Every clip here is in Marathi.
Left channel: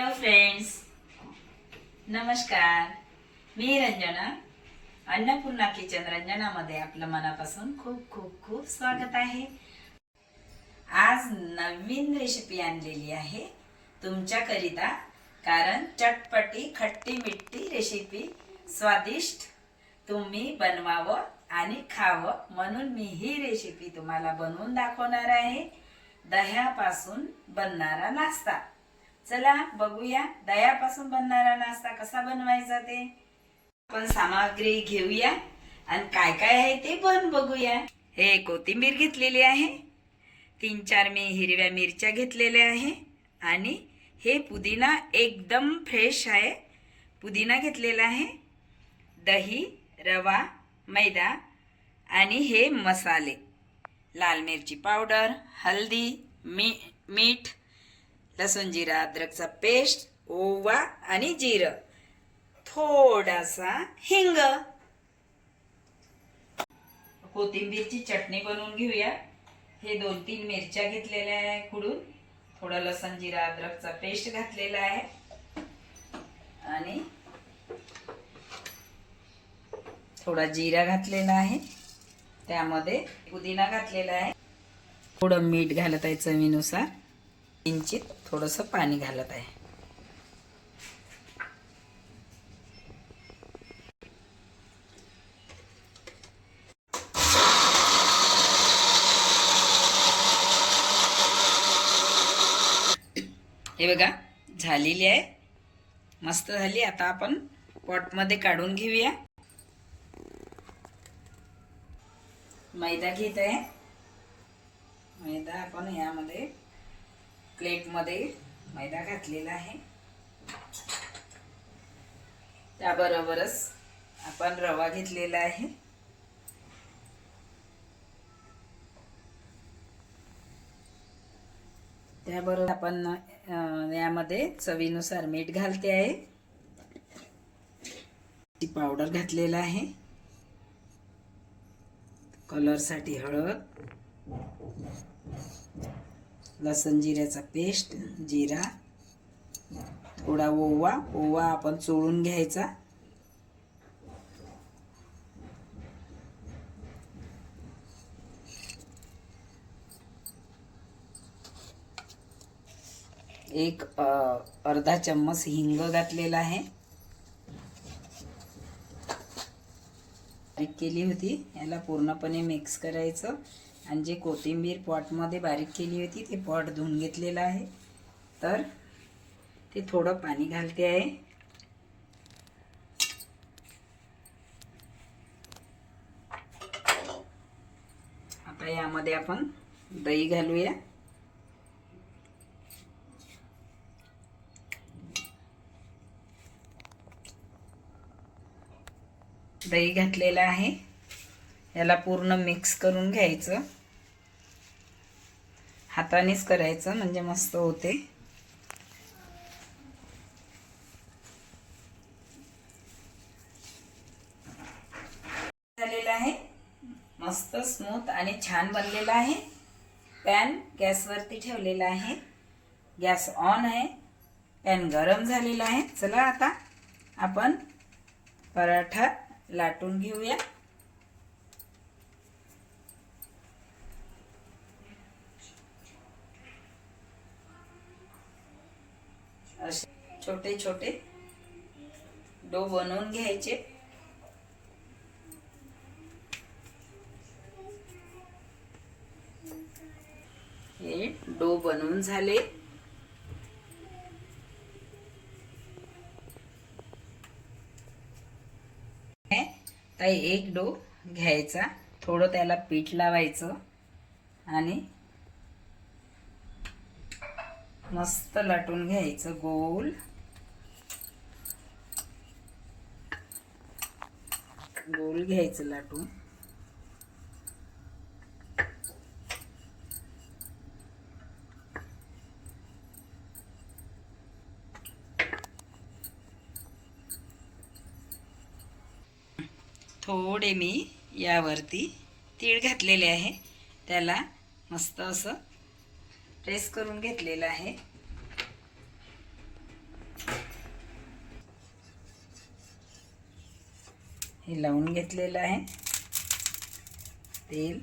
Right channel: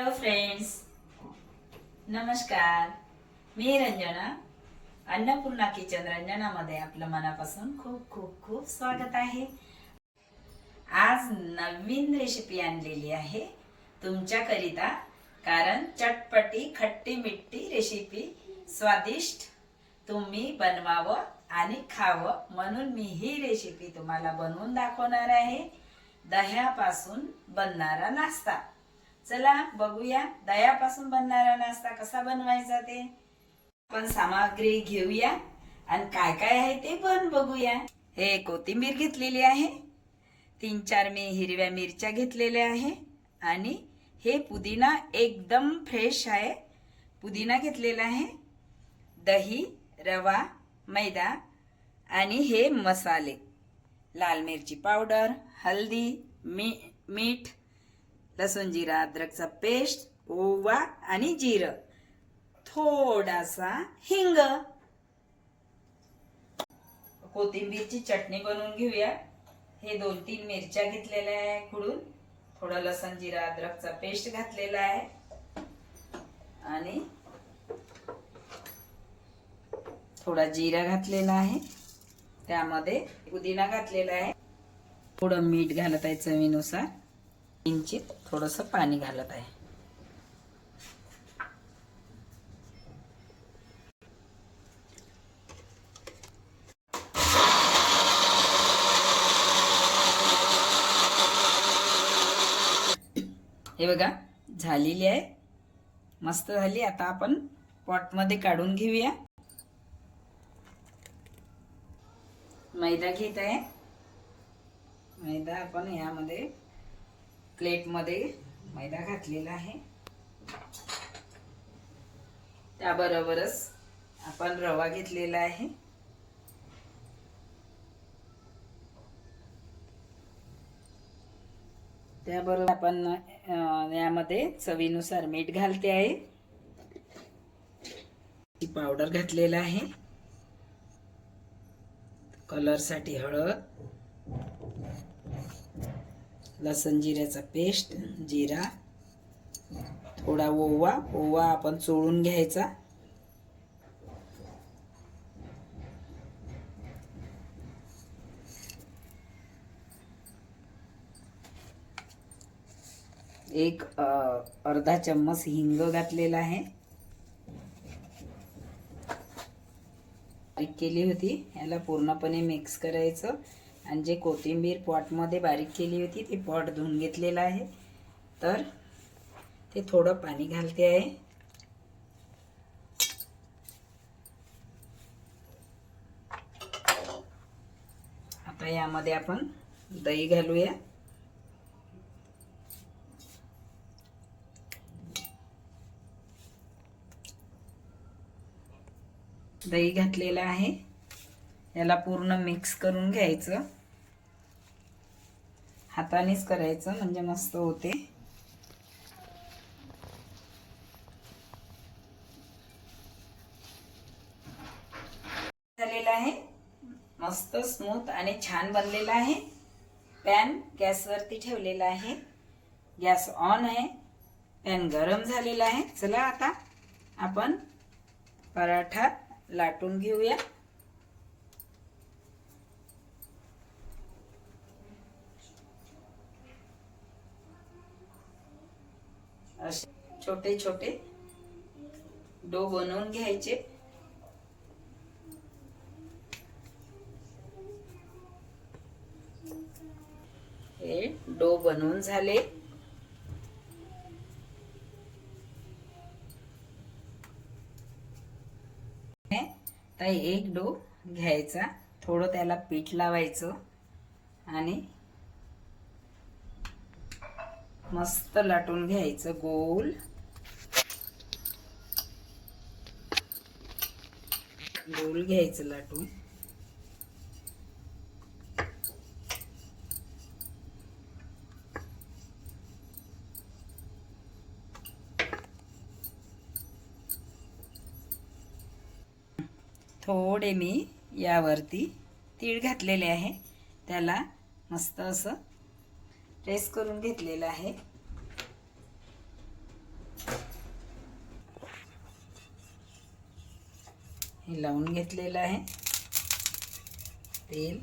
हॅलो फ्रेंड्स नमस्कार. मी रंजना अन्नपूर्णा किचन रंजनामध्ये आपलं मनापासून खूप खूप खूप स्वागत आहे. आज नवीन रेसिपी आणलेली आहे तुमच्याकरिता कारण चटपटी खट्टी मिट्टी रेसिपी स्वादिष्ट तुम्ही बनवावं आणि खावं म्हणून मी ही रेसिपी तुम्हाला बनवून दाखवणार आहे. दह्यापासून बनणारा नाश्ता. चला बघूया. दह्यापासून बनणारा नाश्ता कसा बनवायचा ते. आपण सामग्री घेऊया आणि काय काय आहे ते पण बघूया. हे कोथिंबीर घेतलेली आहे. तीन चार मी हिरव्या मिरच्या घेतलेल्या आहे. आणि हे पुदिना एकदम फ्रेश आहे. पुदिना घेतलेला आहे. दही रवा मैदा आणि हे मसाले. लाल मिरची पावडर हल्दी मी मीठ लसूण जिरा अद्रकचा पेस्ट ओवा आणि जिरं. थोडासा हिंग. कोथिंबीरची चटणी बनवून घेऊया. हे दोन तीन मिरच्या घेतलेल्या आहे खुडून थोडं लसण जिरा अद्रकचा पेस्ट घातलेला आहे. आणि थोडा जिरा घातलेला आहे. त्यामध्ये पुदिना घातलेला आहे. थोडं मीठ घालत आहे चवीनुसार. किंचित थोडंसं पाणी घालत आहे. हे बघा झालेली आहे. मस्त झाली. आता आपण पॉटमध्ये काढून घेऊया. मैदा घेत आहे. मैदा आपण यामध्ये प्लेटमध्ये मैदा घातलेला आहे. त्याबरोबरच आपण रवा घेतलेला आहे. त्याबरोबर आपण यामध्ये चवीनुसार मीठ घालते आहे. ती पावडर घातलेला आहे. कलरसाठी हळद. लसण जिऱ्याचा पेस्ट जिरा थोडा ओवा ओवा आपण चोळून घ्यायचा. एक अर्धा चम्मच हिंग घातलेला आहे. बारीक केली होती याला पूर्णपणे मिक्स करायचं. आणि जे कोथिंबीर पॉटमध्ये बारीक केली होती ते पॉट धुवून घेतलेलं आहे. तर ते थोडं पाणी घालते आहे. आता यामध्ये आपण दही घालूया. दही घातलेलं आहे. याला पूर्ण मिक्स करून घ्यायचं. हातानेच करायचं म्हणजे मस्त होते. झालेलं आहे. मस्त स्मूथ आणि छान बनलेला आहे. पॅन गॅसवरती ठेवलेला आहे. गॅस ऑन आहे. पॅन गरम झालेला आहे. चला आता आपण पराठा लाटून घेऊया. असे छोटे छोटे डो बनवून घ्यायचे. हे डो बनवून झाले. तर एक डो घ्यायचा. थोडं त्याला पीठ लावायचं आणि मस्त लाटून घ्यायचं गोल. गोल घ्यायचं लाटून. थोडे मी यावरती तीळ घातलेले आहे. त्याला मस्त असं प्रेस करून घेतलेलं आहे. हे लावून घेतलेलं आहे. तेल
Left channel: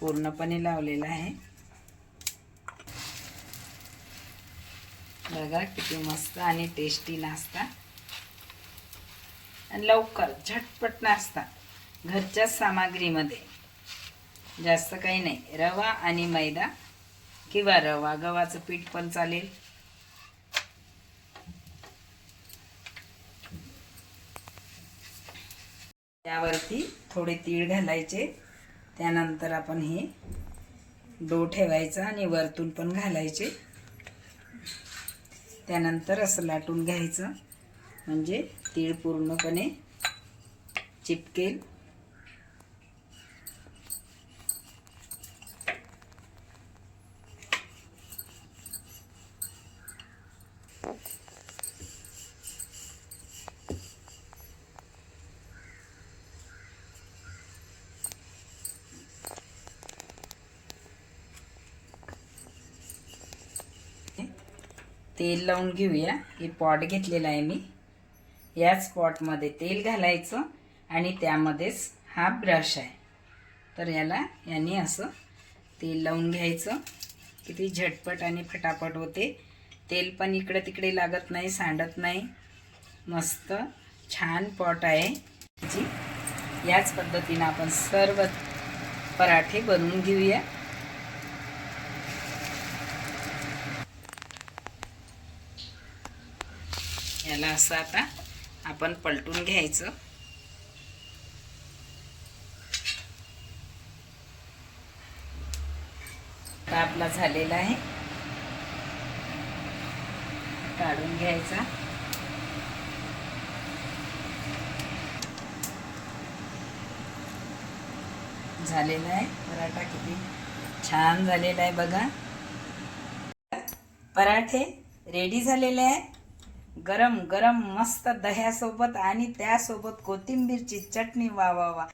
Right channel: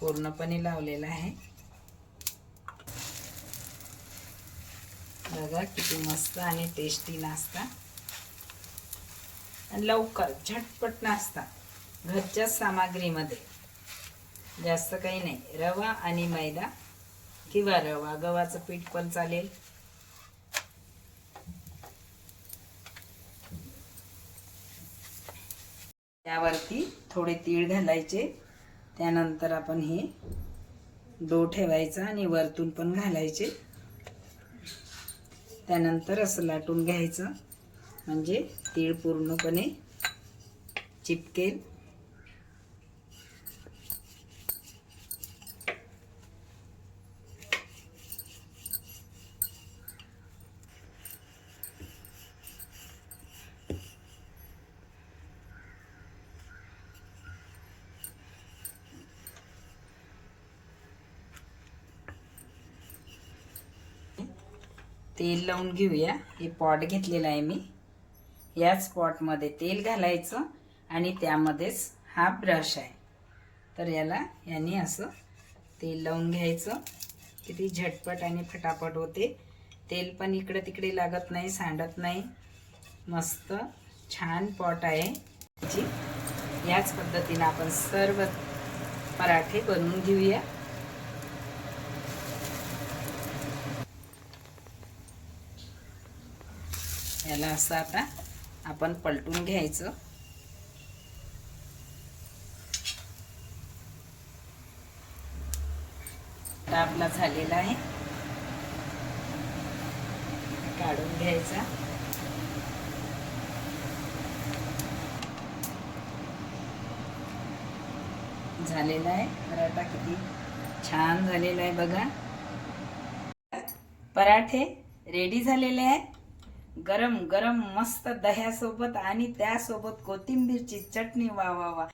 पूर्णपणे लावलेलं आहे. बघा किती मस्त आणि टेस्टी नाश्ता. आणि लवकर झटपट नाश्ता. घरच्या सामग्रीमध्ये. जास्त काही नाही. रवा आणि मैदा किंवा रवा गव्हाचं पीठ पण चालेल. त्यावरती थोडे तीळ घालायचे. त्यानंतर आपण हे डो ठेवायचा आणि वरतून पण घालायचे. त्यानंतर असं लाटून घ्यायचं. म्हणजे तीळ पूर्णपणे चिपकेल. तेल लावून घेऊया. हे पॉट घेतलेला आहे मी. याच पॉटमध्ये तेल घालायचं आणि त्यामध्येच हा ब्रश आहे. तर याला याने असं तेल लावून घ्यायचं. किती झटपट आणि फटाफट होते. तेल पण इकडे तिकडे लागत नाही सांडत नाही. मस्त छान पॉट आहे. जी याच पद्धतीनं आपण सर्व पराठे बनवून घेऊया. ह्याला असं आता आपण पलटून घ्यायचं. आपला झालेला आहे. काढून घ्यायचा. झालेला आहे. पराठा किती छान झालेला आहे बघा. पराठे रेडी झालेले आहे. गरम गरम मस्त दह्यासोबत आणि त्यासोबत कोथिंबीरची चटणी वा वा वा.